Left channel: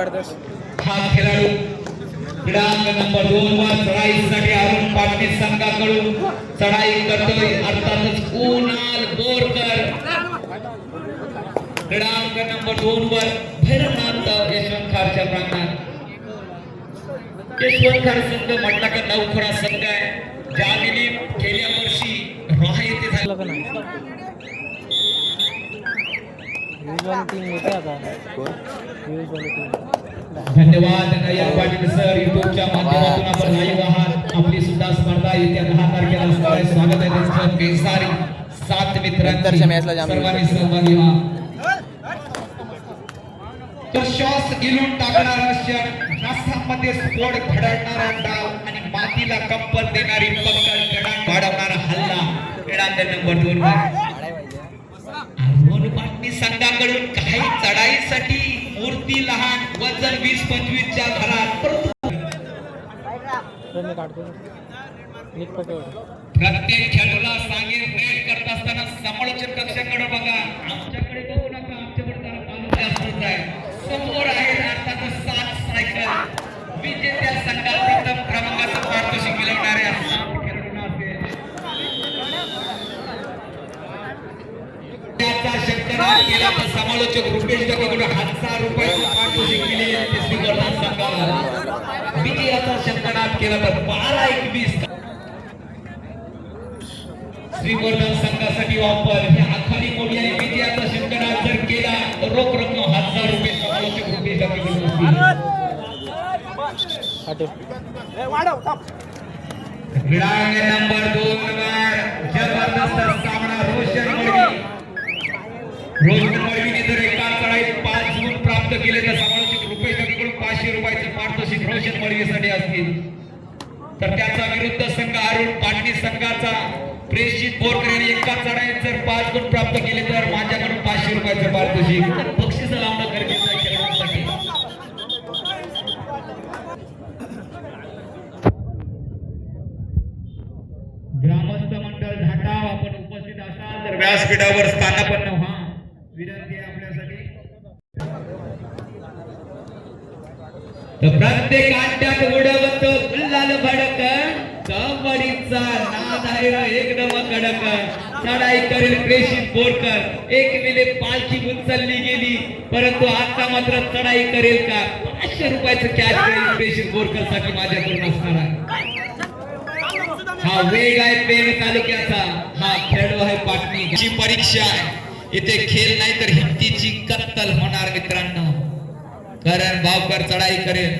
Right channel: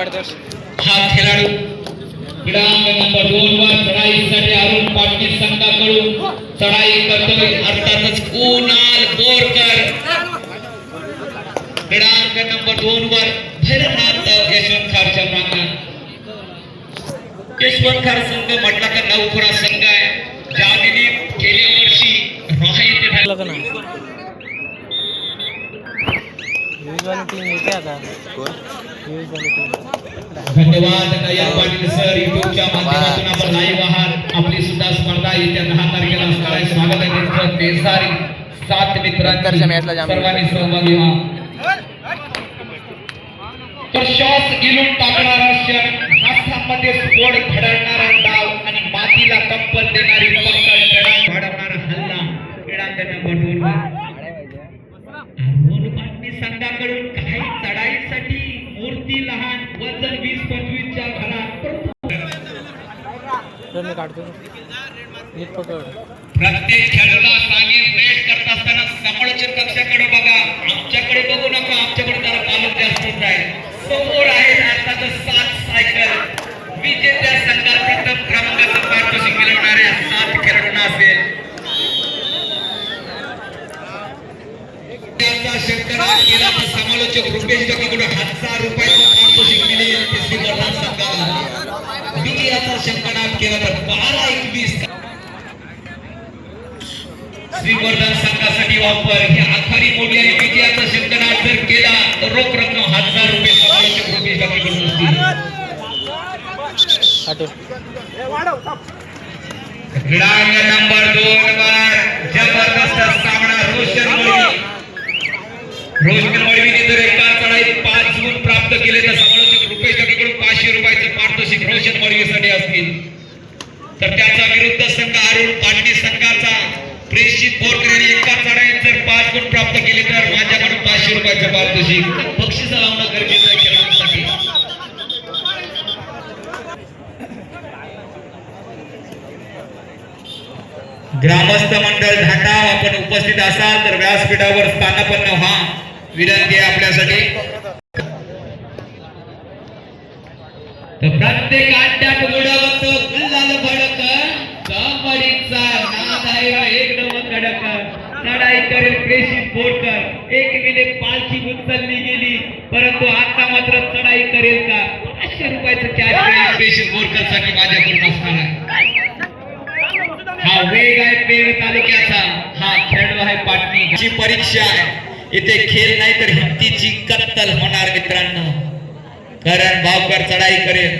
काढतोस हा खेळाडू क्रमांक नंबर 2 वर चढाईसाठी अरुण पाटील संघाकडून चढाई करतोय अर्थातच कुणाल बोरकर क्रमांक नंबर 2 वर भैरवनाथ यशवंत खारच्या प्रांगणात यशवंत खार संघ म्हटला का नवखुरा संघ आहे ज्याने गेल्या वर्षी रोहा येथे झाला का नाही वाली टीम येते आता कोण वाली टीम धन्यवाद नयन पाटील सर युट्यूबच्या माध्यमातून आपण लाईव्ह आहात आपली सुद्धा स्पर्धा येत्या 10 तारखेला असणार आहे स्वागत आहे त्यांचं बेसारी 7 मित्रांच्या मॅचला सर्वांनी सहभागी व्हा तर शॉस गिलून टाकणारा क्षण हातामध्ये स्फोट घडवणारा डाव आणि मातीला कंपन देणारी पकड खेळात घडवणारा हल्ला खेळाकडे बटवून संघाकडून काही चढाईसाठी मूर्ती लहान वजन 20-25 च्या घरात प्रत्येक खेळाडूला सांगे वेट करत असताना समालोचन कक्षाकडे बघा आमच्याकडे बघू नका आमच्याकडे जरा कालच जास्तच आहे समोर आहे अर्थातच 7 सायकल विजेत्या संघात प्रथम क्रमांकाचा पारितोषिक मिळवणाऱ्या 7 खेळाडूंना असेल समालोचक रुपेश कडून 1000 रुपयाचं पारितोषिक मिळेल श्रीवर्धन संघाला विजयाचा शंकनाथ केला तर 12-21 श्रीवर्धन संघासाठी वापर हे आखारी मोडी आणि विजयाचा शंकनाथ जर केला तर रोख रक्कम 1000 रुपये समालोचक रुपेश कडून क्रमांक नंबर 2 वर जबरदस्त सामना रोशन मळवीने जर एका चढाईत 5 गुण प्राप्त केले तर समालोचक रुपेश कडून 500 रुपयाचे पारितोषिक रोशन मळवीसाठी असतील तर त्याचा विरुद्ध संघ अरुण पाटील संघाचा प्रेषित बोरकर यांनी एका चढाईत जर 5 गुण प्राप्त केले तर माझ्याकडून 500 रुपयाचे पारितोषिक बक्षीस लावणं गरजेचं आहे खेळाडूंसाठी ग्रामस्थ मंडळ ढाका आपण उपस्थित असाल तर व्यासपीठावर स्थानापन्न व्हा विनंती आहे आपल्यासाठी प्रत्येक अड्ड्यात उडवतो गुलाल भडक कमळीचा नादारे एकदम कडक चढाई करेल प्रेषित बोरकर 1 मिनिट पालखी उचलली गेली परंतु आता मात्र चढाई करेल का 500 रुपयाचं कॅश प्रेषित बोरकर साठी माझ्याकडून असणार आहे हा वेग आहे पेण तालुक्याचा हा खेळाडू आहे पाटणी परीक्षा आहे इथे खेळ नाही तर हिमतीची कत्तल होणार मित्रांनो करण भावकर चढाई करेल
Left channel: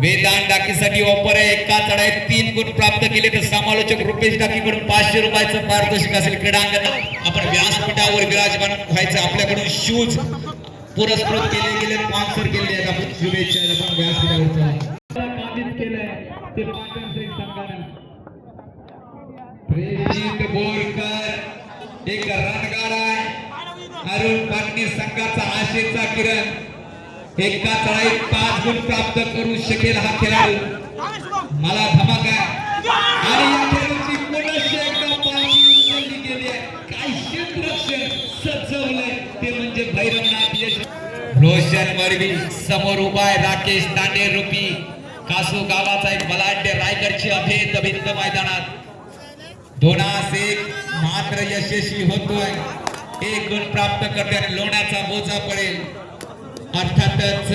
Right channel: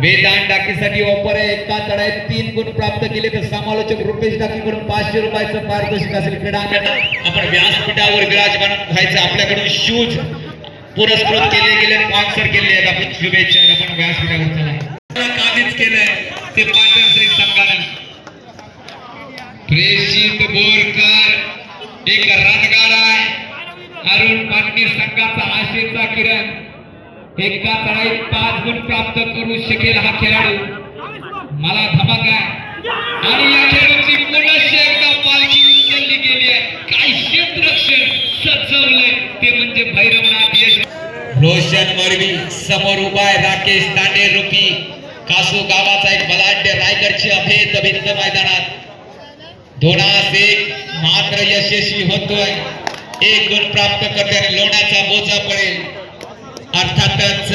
वेदांत डाकीसाठी ऑफर आहे एका चढाईत 3 गुण प्राप्त केले तर समालोचक रुपेश डाकीकडून 500 रुपयाचं पारितोषिक असेल क्रीडांगण आपण व्यासपीठावर विराजमान व्हायचं आपल्याकडून शूज पुरस्कृत केले गेले स्पॉन्सर केले आहेत आपण शुभेच्छा आपण व्यासपीठावर चला काहीच केलंय ते पाटण संघाने प्रेषित बोरकर एक रणगाडा अरुण पाटील संघाचा आशेचा किरण एका चढाईत 5 गुण प्राप्त करू शकेल हा खेळाडू मला धमक आहे आणि या खेळाडूची पुनश्च एकदा पालखी उचलली गेली आहे काय क्षेत्ररक्षण सजवलंय ते म्हणजे भैरवनाथ यश रोशन मरवी समोर उभा आहे राकेश तांडे रूपी कासू गावाचा एक बलाढ्य रायगडची अभेद भिंत मैदानात 2-1 मात्र यशस्वी होतोय 1 गुण प्राप्त करताना लोण्याचा बोजा पडेल अर्थातच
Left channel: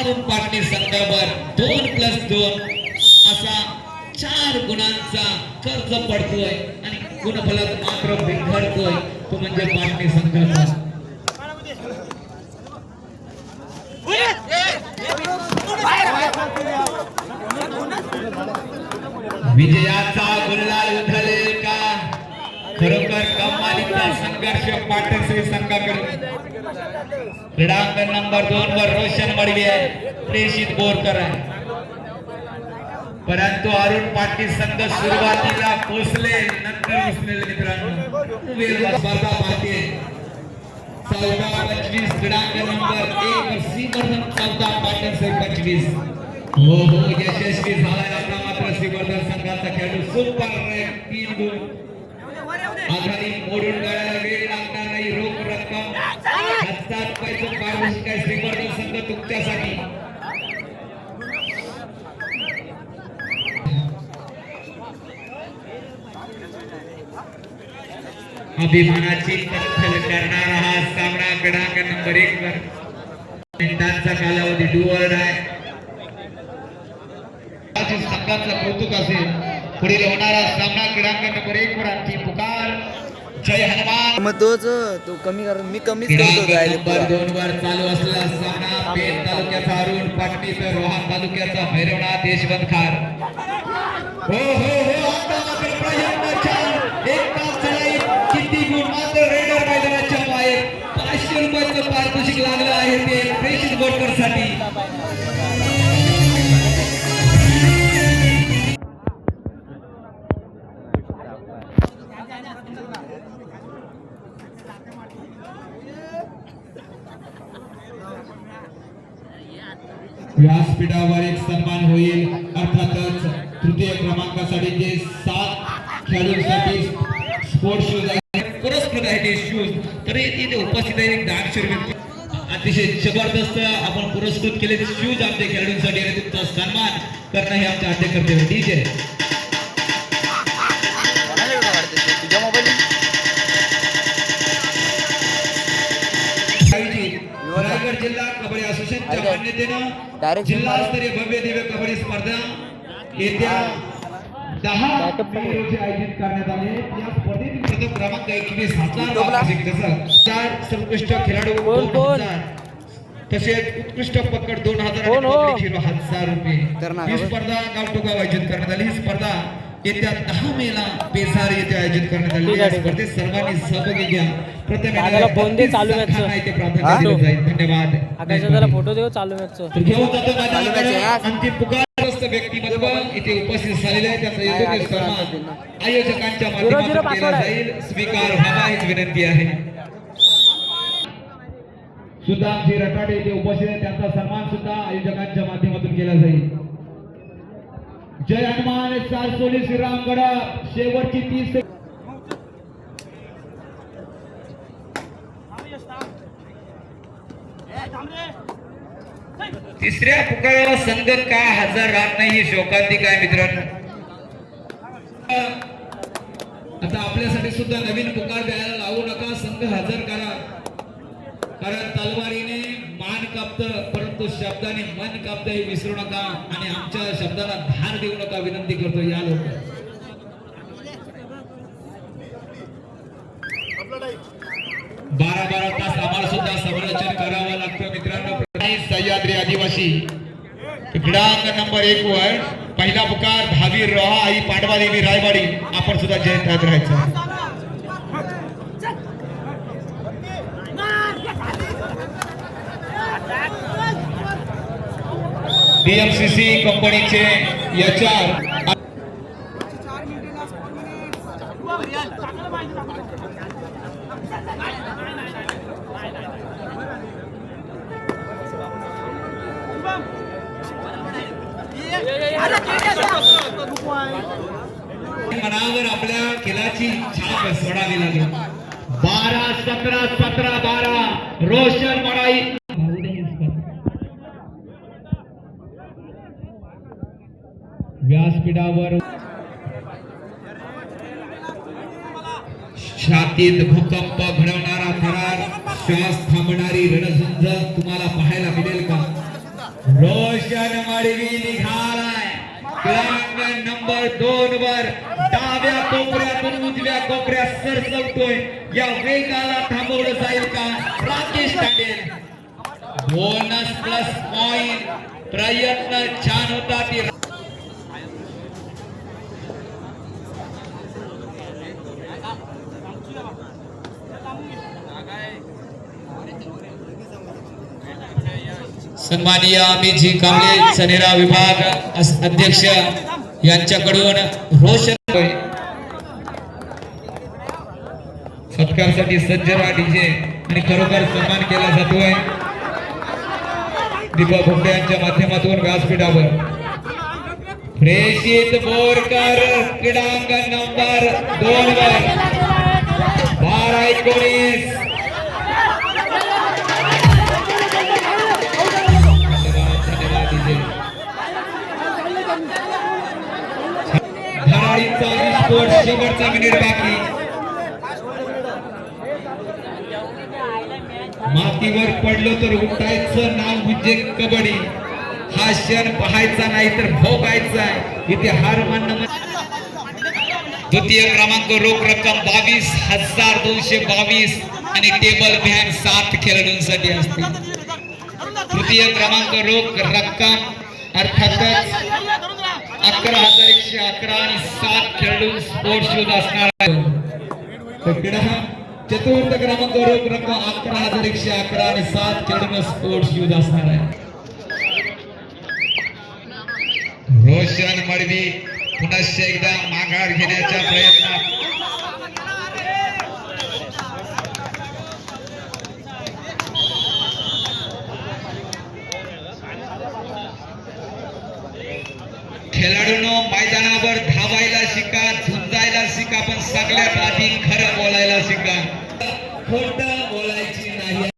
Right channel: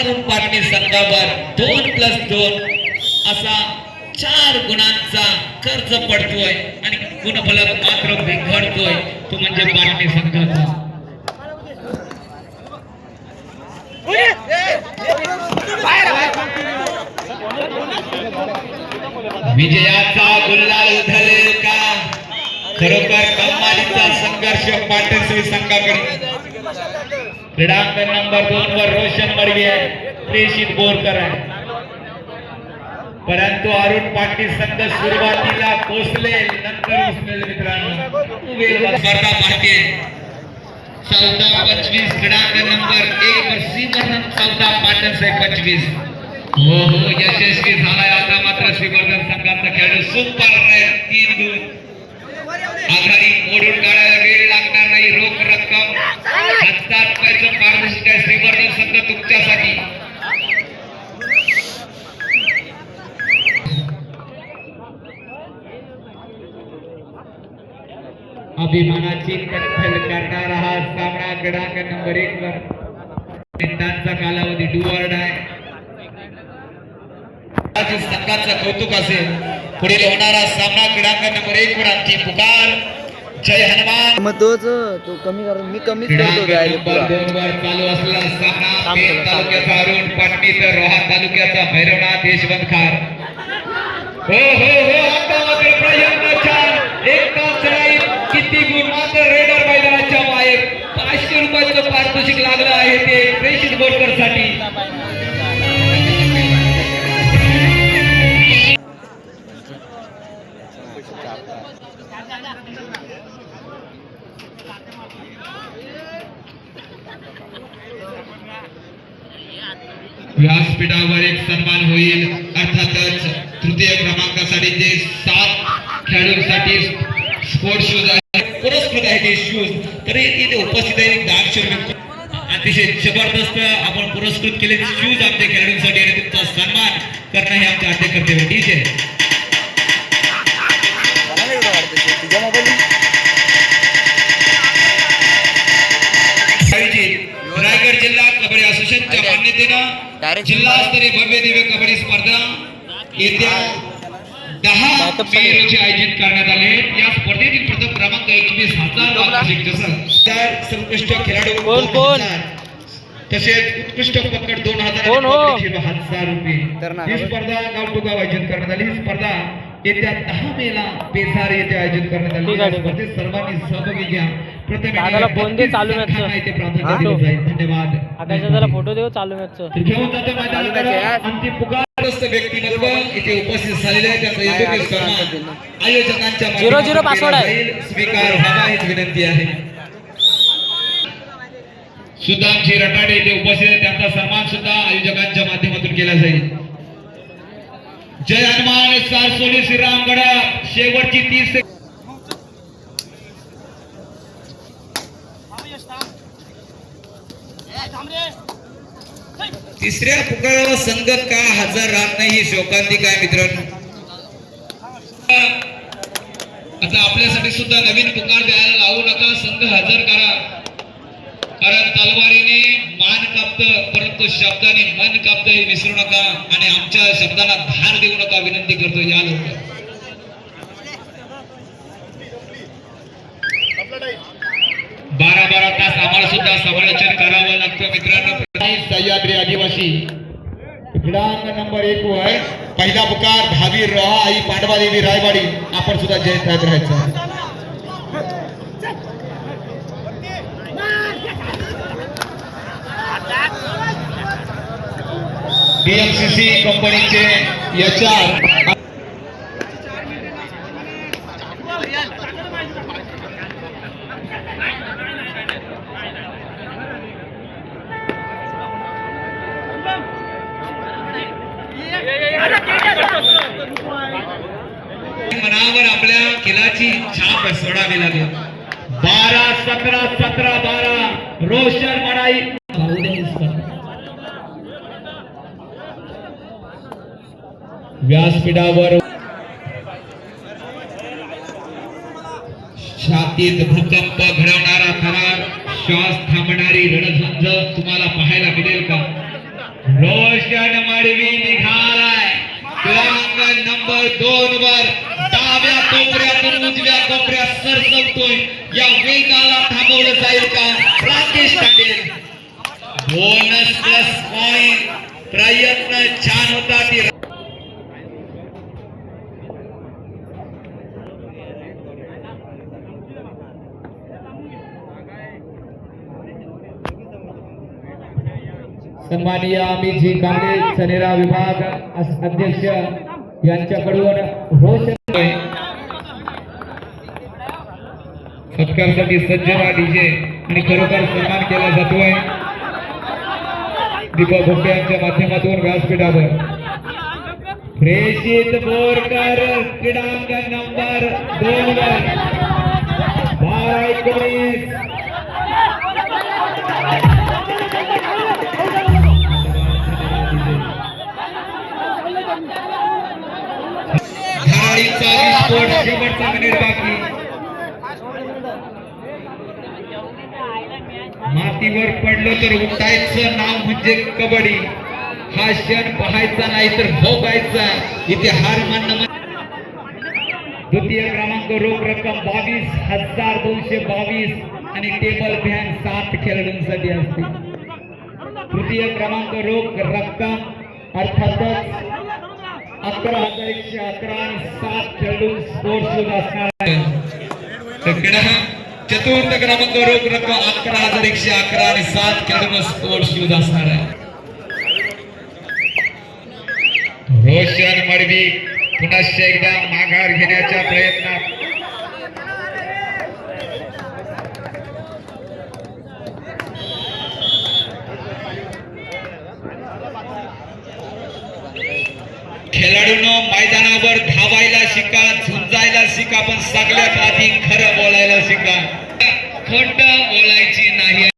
अरुण पाटील संघावर 2+2 असा 4 गुणांचा कर्ज पडतोय आणि गुणफलक मात्र बिघडतोय तो म्हणजे पाटील संघाचा विजयाचा गुलाल उधळेल का खरोखर कमालीचा संघर्ष पाटणश्री संघाकडे क्रीडांगण नंबर 2 वर रोशन मडवी आहे प्रेषित बोरकर आहे परंतु अरुण पाटील संघ सुरुवातीला पोहोचले नंतर उसमेल मित्रांनो स्पर्धा पाहते 14-25 क्रीडांगण नंबर 1 वर श्रीवर्धन 14 पाटणसाहेब 25 हो यशस्वी झालाय आता मात्र श्रीवर्धन संघाचा खेळाडू सुपर 3 गुण आघाडी मोडून काढायला वेळ लागणार नाही रोख रक्कम ₹1000 पारितोषिक आहे श्रीवर्धन संघ तुमच्यासाठी. अभिमानाची कत्तल करणारा हा सामना क्रमांक नंबर 1 वर मिनिटांचा कालावधी डुअर्ड आहे. संघाचं कौतुक असेल. पुढील होणारा सामना क्रमांक नंबर 1 वर आमची पुकार जय हनुमान. मग तोच तो कमी कर मी कमीच करतो नंबर 2 वर चालू असलेला सामना पेठ तालुक्याचा अरुण पाटणी तर रोहा तालुक्याचा भैरवनाथ यशवंत खार. हो हो हो आता मात्र प्रयत्नाच्या एका चढाईत किती गुण मात्र रेडर मैदानाच्या मागे ₹500 पारितोषिक लागलं आहे ते प्रेषित बोलकर साठी. व्यासपीठावर एक सन्मान होईल. अर्थातच तृतीय क्रमांकासाठी जे 7 खेळाडूंसाठी स्पोर्ट्स शूज पुरस्कृत आहे ते शूज तर इथे उपस्थित आहे 10 अतिशय जबरदस्त आपण पुरस्कृत केले शूज आमच्या खेळाडूंसाठी आणि तुमचा सन्मान करणं हे आमचं आद्य कर्तव्य. ठीक आहे. रायगड जिल्हा कबड्डी असोसिएशनच्या मान्यतेनं जिल्हास्तरीय भव्य दिव्य कबड्डी स्पर्धा येत्या 10 मे रोजी आयोजित करण्यात आले. या स्पर्धेतील प्रथम क्रमांक 21,000 वार्षिक जसं त्या सर्वोत्कृष्ट खेळाडू तसेच उत्कृष्ट पकड 2000 ₹1,000. ही स्पर्धा गावठोगाव आयोजित करण्यात आली. ही स्पर्धा येत्या 10 मे ला बेसार येथे आयोजित करण्यात आली. स्पर्धेत सर्वांनी सहभागी घ्या. दादाला फोन दे चालू मॅचचं. धन्यवाद. आकाशात जरा फोटो देऊ चालू मॅचचं. घेऊन जातो मैदानात आमची पुकारग्रस्त व्यक्तिमत्व इथे उपस्थित झालेले आहे. त्याचा योग्य सन्मान आयोजकांच्या 0-0 पासवर्ड आहे. स्वीकार व्हावा हीच विनंती आहे. सुदामजी रटाडे इथे उपस्थित आहे. त्यांचा सन्मान सुद्धा आयोजकांच्या माध्यमातून केला जाईल. जय हनुमान सारसोली श्रीरामगड शेवटची 30 तिसऱ्या पुकाराला संघ का हजर राहत नाही ही शोकांतिक आहे मित्रांनो. आता आपल्यासाठी सुद्धा नवीन पुकार द्यायला लावू नका. संघ हजर करा. कारण तलवारीने मान कापतं परंतु शब्दाने मन कापतं हे विसरू नका आणि आमच्या शब्दाला धार देऊ नका विनंती करतो. या लोक 12 तास आम्हाला सुद्धा समालोचन करावं लागतं मित्रांनो. सह्याद्री आदिवासी क्रीडांगण नंबर 1 वर पहिला पुकार धावी रोहा आई पांडवा देवी रायवाडी. आपण सुद्धा जयंत राहायचं. DLCC कंपनीचे HR मनावर आपल्या खेळाची छाप सोडावी लागेल. 12-17-17-12 रोशन मराई व्यासपीठावर छातीत भूकंप घडवणारा थरार श्वास थांबणारी रणझुंज तुम्हाला पाहायला मिळेल का? रोशन मडवी निघालाय क्रमांक नंबर 2 वर डाव्या कोपऱ्यातून उजव्या कोपऱ्यात सरकवतोय. या वेगाला थांबवलं जाईल का? Rakesh Tande bonus plus point. प्रयत्न छान होता. सन्माननीय अमितजी कांबळे सनेरा विभाग अध्यक्ष यांच्याकडून रोशन सत्कारसाठी सज्ज डीजे आणि खरोखर सन्मान केला जातोय. दीपक भोगटे यांच्या माध्यमातून व्यासपीठावर प्रेषित बोरकर क्रीडांगण नंबर 2 वर 12-19 टाळीचा विस्फोट शेवटचा मिनिट बाकी मातीवर पडलो तर उठायचं नाव म्हणजे कबड्डी हा क्षण पाहायचा नाही तर भोगायचा इथे हार मानणं द्वितीय क्रमांक रोख रक्कम 22,222 आणि टेबल फॅन 7 खेळाडूंसाठी असते तृतीय क्रमांक रोख रक्कम अर्थातच 11,111 आणि 7 खेळाडू स्पोर्ट्स शूज असणार आहे चतुर्थ क्रमांक रोख रक्कम 11,111 आणि 7 खेळाडू स्पोर्ट्स शूज असणार आहे रोशन मडवी पुन्हा एकदा माघार घेण्याच्या प्रयत्नात खेळाडूंनो मैदानावर धावायला शिका झुंजायला शिका पण सगळ्यात आधी खरं बोलायला शिका खोटं बोलायची नाही